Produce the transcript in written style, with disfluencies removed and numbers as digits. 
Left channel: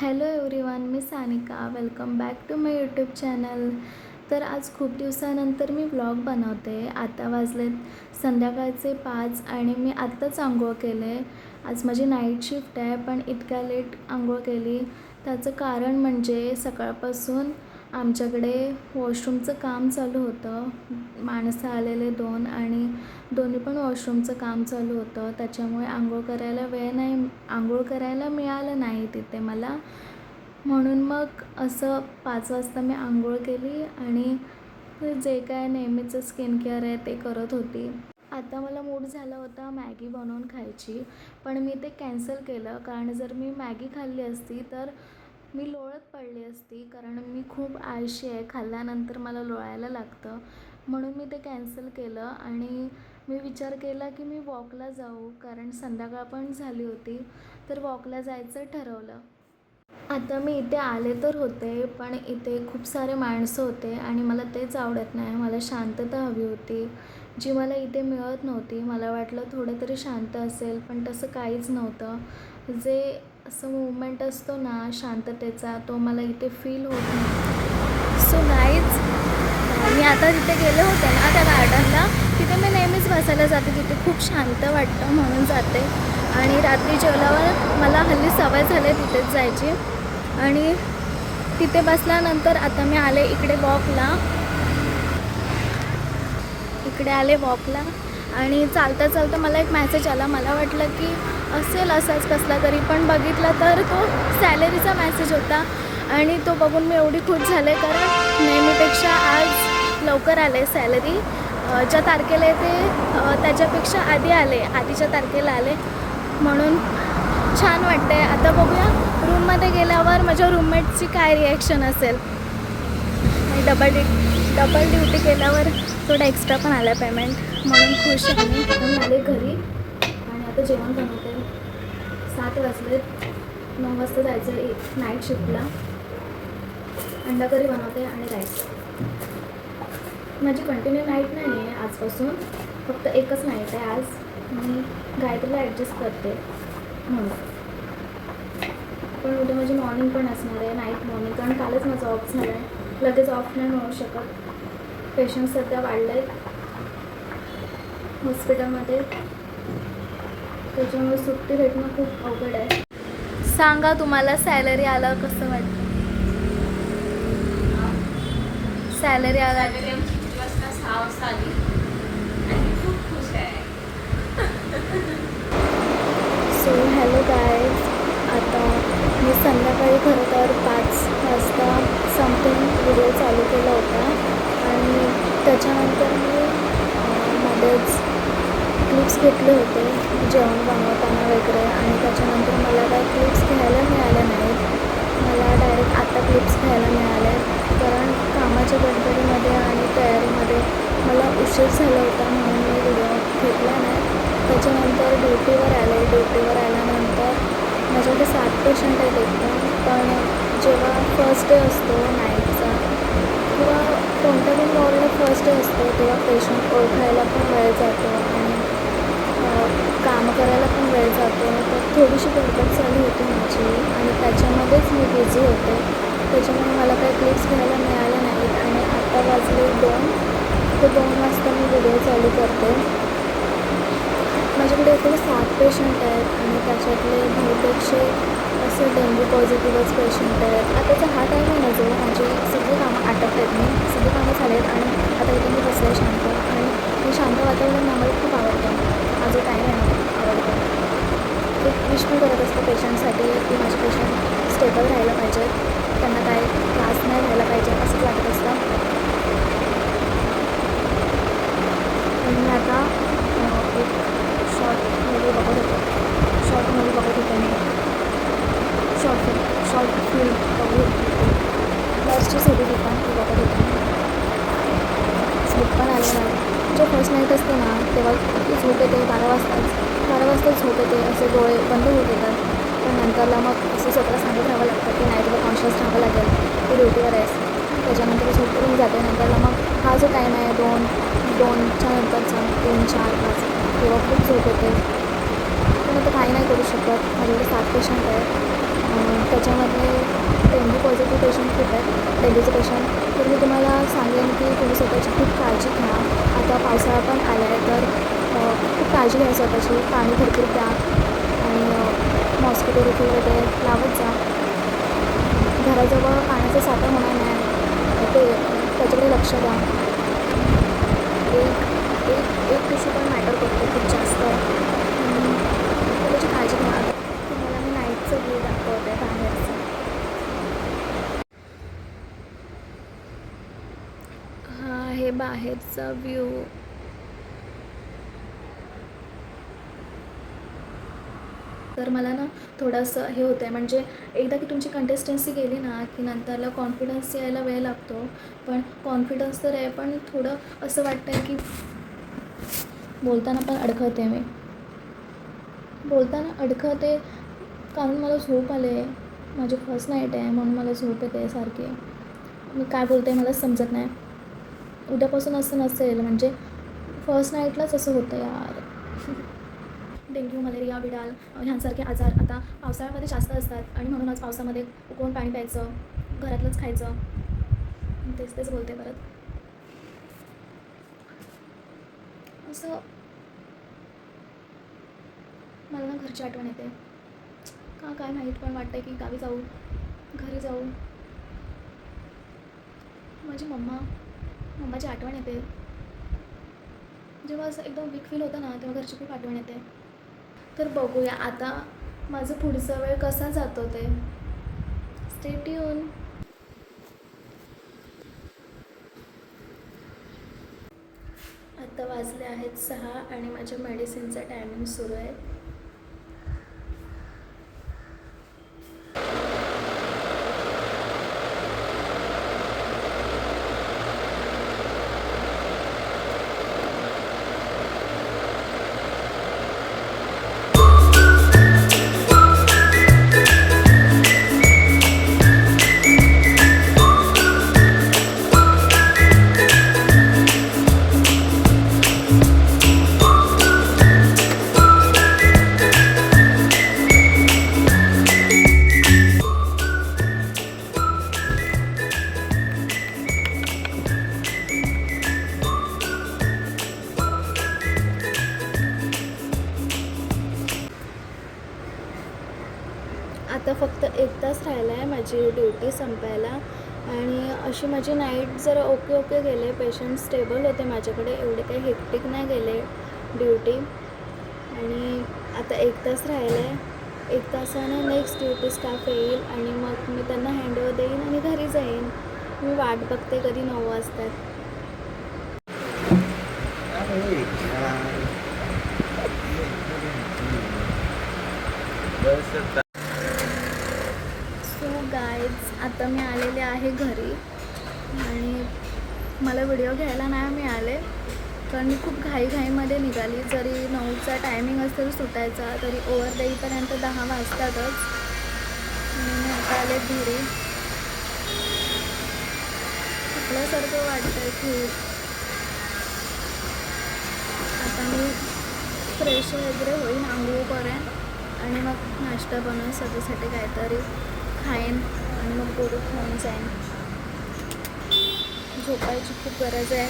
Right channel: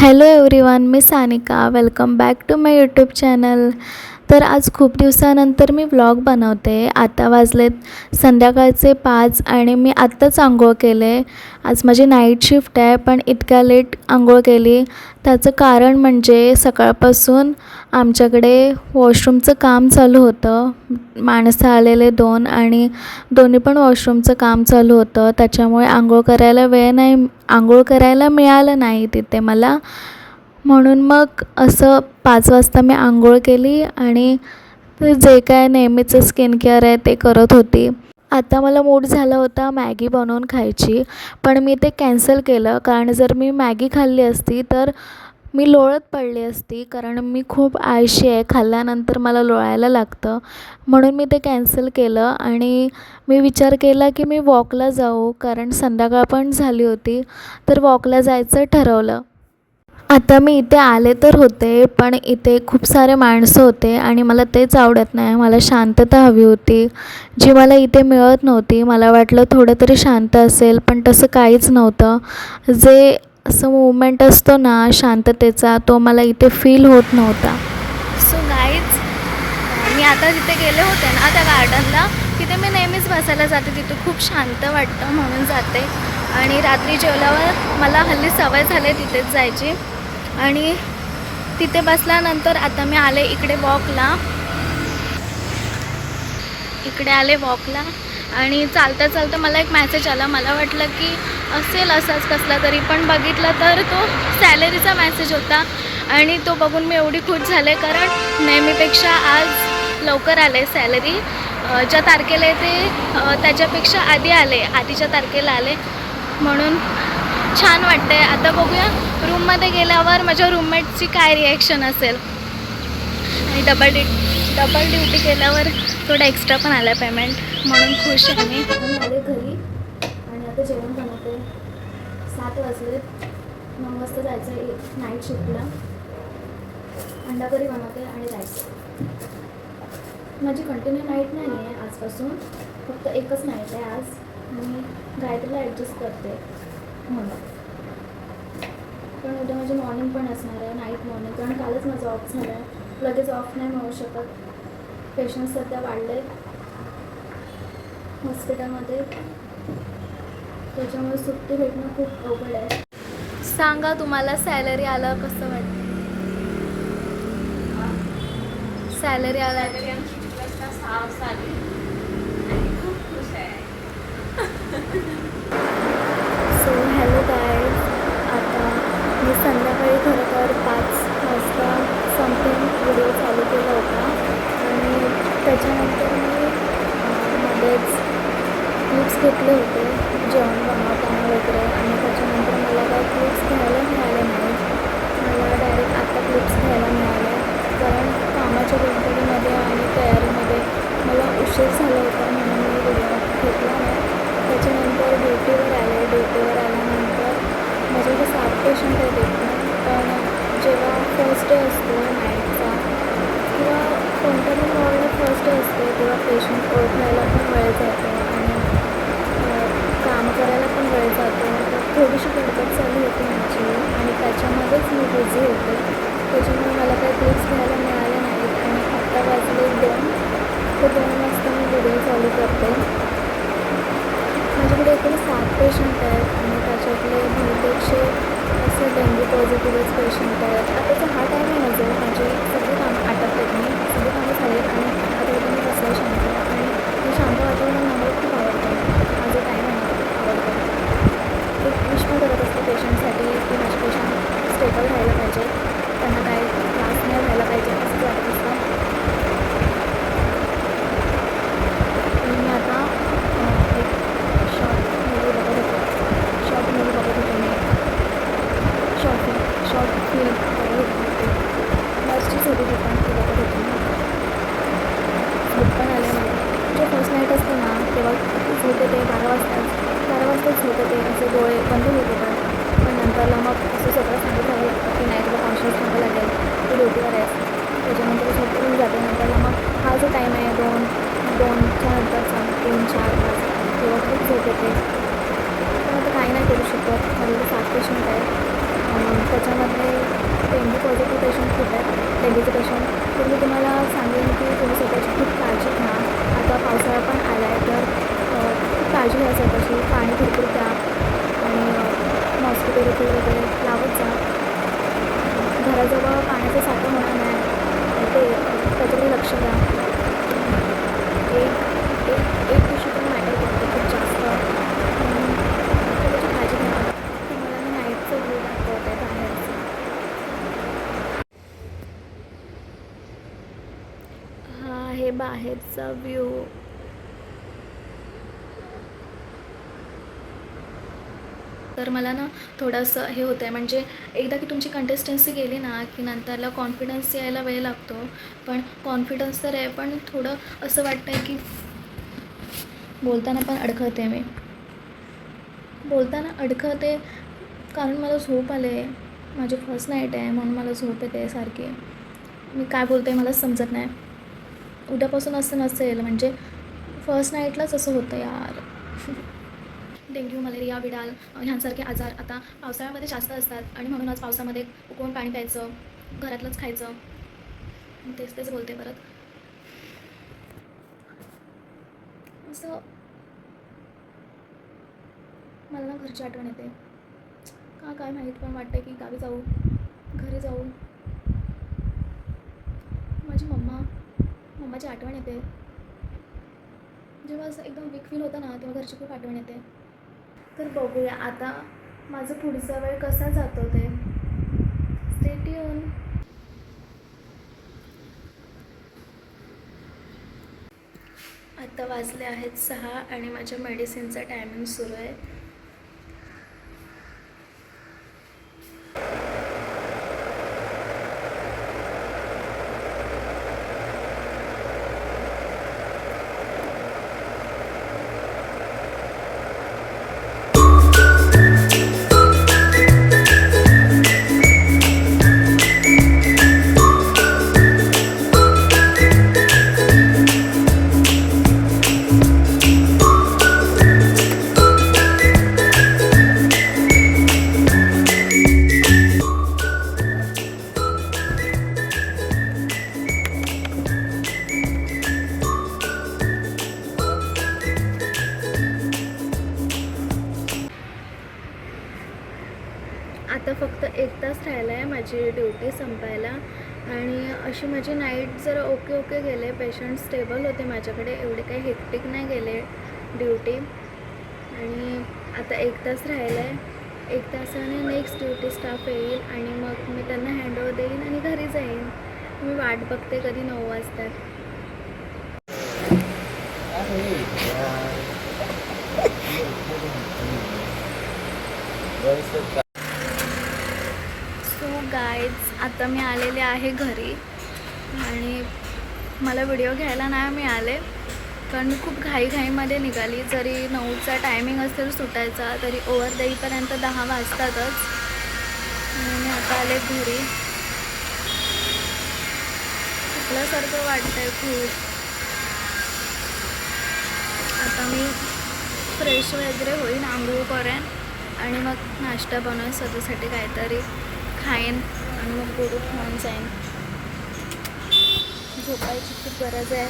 Hello everyone, मी Sanika. Welcome back to my YouTube channel. तर आज खूप दिवसानंतर मी व्लॉग बनवते. आता वाजलेत संध्याकाळचे 5 आणि मी आत्ताच आंघोळ केले. आज माझी नाईट शिफ्ट आहे, पण इतक्या लेट आंघोळ केली त्याचं कारण म्हणजे सकाळपासून आमच्याकडे वॉशरूमचं काम चालू होतं. माणसं आलेले 2 आणि दोन्ही पण वॉशरूमचं काम चालू होतं. त्याच्यामुळे आंघोळ करायला मिळालं नाही तिथे मला. म्हणून मग असं 5 वाजता मी आंघोळ केली आणि जे काय नेहमीचं स्किन केअर आहे ते करत होती. आता मला मूड झाला होता मॅगी बनवून खायची, पण मी ते कॅन्सल केलं. कारण जर मी मॅगी खाल्ली असती तर मी लोळत पडली असती, कारण मी खूप आळशी आहे. खाल्ल्यानंतर मला लोळायला लागतं. म्हणून मी ते कॅन्सल केलं आणि मी विचार केला की मी वॉकला जाऊ, कारण संध्याकाळ पण झाली होती. तर वॉकला जायचं ठरवलं. आता मी इथे आले तर होते, पण इथे खूप सारे माणसं होते आणि मला तेच आवडत नाही. मला शांतता हवी होती, जी मला इथे मिळत नव्हती. मला वाटलं थोडं तरी शांत असेल, पण तसं काहीच नव्हतं. जे असं मूवमेंट असतो ना शांततेचा, तो मला इथे फील होत नव्हता. सो गाईज, मी आता तिथे गेले होते ना त्या गार्डनला, तिथे मी नेहमीच बसायला जाते. तिथे खूप शांत वाटतं म्हणून जाते. आणि रात्री जेवल्यावर मला हल्ली सवय झाली तिथेच जायची. आणि तिथे बसल्यानंतर आता मी आले इकडे वॉकला. आणि चालता चालता मला एक मेसेज आला. मला वाटलं की असेल असाच कसला तरी, पण बघितलं तर तो सॅलरीचा मेसेज होता. आणि तो बघून मी एवढी खुश झाले, कारण नेहमीपेक्षा आज लवकर आले सॅलरी. ज्या तारखेला येते त्याच्यापेक्षा आधीच्या तारखेला आले, म्हणून छान वाटतं आहे. आता बघूया रूममध्ये गेल्यावर माझ्या रूममेटची काय रिॲक्शन असेल. आणि डबल ड्युटी केल्यावर थोडं एक्स्ट्रा पण आलं पेमेंट, म्हणून खुश आहे मी. आले घरी आणि आता जेवण बनवते. 7 वाजलेत. 9 वाजता जायचं नाईट शिफ्टला. अंडा करी बनवते आणि राईस. माझी कंटिन्यू नाईट नाही आहे आजपासून, फक्त एकच नाईट आहे आज. मी गायत्रीला ॲडजस्ट करते म्हणून. पण उद्या माझी मॉर्निंग पण असणार आहे, नाईट मॉर्निंग, कारण कालच माझं ऑफ झालं आहे. लगेच ऑफ नाही मिळू शकत. पेशंट्स सध्या वाढले आहेत हॉस्पिटलमध्ये, त्याच्यामुळे सुट्टी भेटणं खूप अवघड आहे. सांगा तुम्हाला सॅलरी आलं कसं वाटतं? सॅलरी आला आमची 6 वाजता आली आणि खूप खुश आहे. सो हॅलो गाईज, आता मी संध्याकाळी खरं तर 5 वाजता समथिंग व्हिडिओ चालू केला होता आणि त्याच्यानंतर मी मध्येच क्लिप्स घेतले होते जेवण बनवताना वगैरे, आणि त्याच्यानंतर मला काय क्लिप्स घ्यायला मिळाल्या नाहीत. मला डायरेक्ट आत्ता क्लिप्स घ्यायला मिळाल्या, कारण कामाच्या गडबडीमध्ये आणि तयारीमध्ये मला उशीर झाला होता, म्हणून मी व्हिडिओ घेतला नाही. त्याच्यानंतर ड्युटीवर आल्यानंतर माझ्याकडे 7 पेशंट आहेत एकदम. पण जेव्हा फर्स्ट डे असतो नाईटचा, किंवा कोणत्या पण वॉर्डला फर्स्ट डे असतो, तेव्हा पेशंट ओळखायला पण वेळ जातो आणि कामं करायला पण वेळ जातो. तर थोडीशी गडबड चालू होती माझी आणि त्याच्यामध्येच मी बिझी होते. त्याच्यामुळे मला काही क्लिप्स घ्यायला मिळाल्या नाहीत. आणि आत्ता वाजले 2 ते 2 वाजता मी व्हिडिओ चालू करते. माझ्याकडे एकूण 7 पेशंट आहेत आणि त्याच्यातले बहुतेकचे असं डेंग्यू पॉझिटिव्हच पेशंट आहेत. आताचा हा टाईम आहे ना, जो माझी सगळी कामं आटपतात, मी सगळी कामं झालेत आणि आता इथे मी बसले शांत. आणि हे शांत वातावरण आम्हाला खूप आवडतं. हा जो टाईम आहे ना खूप आवडतो. एक विश पण करत असतं पेशंटसाठी की माझे पेशंट स्टेबल राहायला पाहिजेत, त्यांना काय त्रास नाही व्हायला पाहिजे असंच वाटत असतं. आणि मी आता एक शॉर्ट मूवी बघत होते मी. शॉर्ट फिल्म बघत होती. नर्सचीच होती ती पण, ती बघत होती. झोप पण आले मला. जो फर्स्ट नाईट असते ना तेव्हा झोप येते. 12 वाजता झोप येते, असे डोळे बंद होत येतात. पण नंतरला मग असं स्वतःला सांगत राहावं लागतं की नाईटला कॉन्शियस राहावं लागेल, तू ड्युटीवर आहेस. त्याच्यानंतर झोप येऊन जाते. नंतरला मग हा जो टाईम आहे 2च्या नंतरचा 3, 4, 5, तेव्हा खूप झोप येते. पण आता काही नाही करू शकत. माझ्याकडे 7 पेशंट आहेत त्याच्यामधले डेंग्यू पॉझिटिव्ह पेशंट खूप आहेत, डेंग्यूचे पेशंट. तर मी तुम्हाला सांगेन की तुम्ही स्वतःची खूप काळजी घ्या. आता पावसाळा पण आला आहे, तर खूप काळजी घ्या स्वतःची. पाणी भरपूर प्या आणि मॉस्किटो रिफिल वगैरे लावत जा. घराजवळ पाण्याचा साठा होणार नाही ते त्याच्याकडे लक्ष द्या. एक एक एक टिश्यू पण मॅटर करतो खूप जास्त. त्याची काळजी घ्या. आता तुम्हाला मी नाईटचं व्ह्यू दाखवते बाहेरचं. हा आहे बाहेरचा व्ह्यू. तर मला ना थोडंसं हे होतं आहे, म्हणजे एकदा की तुमची कंटेस्टन्सी गेली ना की नंतरला कॉन्फिडन्स यायला वेळ लागतो. पण कॉन्फिडन्स तर आहे, पण थोडं असं वाटतं आहे की बोलताना पण अडखळते. मी बोलताना अडखळते कारण मला झोप आले. माझी फर्स्ट नाईट आहे म्हणून मला झोप येते सारखी. मी काय बोलते मला समजत नाही. उद्यापासून असं नसेल, म्हणजे फर्स्ट नाईटलाच असं होतं यार. डेंग्यू, मलेरिया, विडाल ह्यांसारखे आजार आता पावसाळ्यामध्ये जास्त असतात आणि म्हणूनच पावसामध्ये उकळून पाणी प्यायचं, घरातलंच खायचं. तेच बोलते परत. असं मला ना घरची आठवण येते का काय माहीत, पण वाटतं की गावी जाऊ, घरी जाऊ. माझी मम्माची आठवण येते. जेव्हा असं एकदम वीक फील होतं ना तेव्हा घरची खूप आठवण येते. तर बघूया आता माझं पुढचा वेळ कसा जातो ते. Stay tune. आता वाजले आहेत 6 आणि माझ्या मेडिसिनचं टायमिंग सुरू आहे. आता फक्त 1 तास राहिला आहे माझी ड्युटी संपायला आणि अशी माझी नाईट जर ओके गेले. पेशंट स्टेबल होते माझ्याकडे, एवढे काही हेक्टिक नाही गेले ड्युटी. आणि आता 1 तास राहिला आहे. 1 तासाने नेक्स्ट ड्युटी स्टाफ येईल आणि मग मी त्यांना हँडओव्हर देईन आणि घरी जाईन. मी वाट बघते कधी 9 वाजतात. सो गाईज आता मी आलेले आहे घरी आणि मला व्हिडिओ घ्यायला नाही मिळाले कारण मी खूप घाईमध्ये निघाली. जरी 9चा टायमिंग असेल सुटायचा तरी ओव्हर देईपर्यंत 10 वाजतातच. मी आता आले घरी. थकल्यासारखं वाटतं आहे खूप. आता मी फ्रेश वगैरे होईन, आंघोळ करेन आणि मग नाश्ता बनवेन स्वतःसाठी काहीतरी खाईन आणि मग पोरं घेऊन जाईन. झोपायची खूप गरज आहे.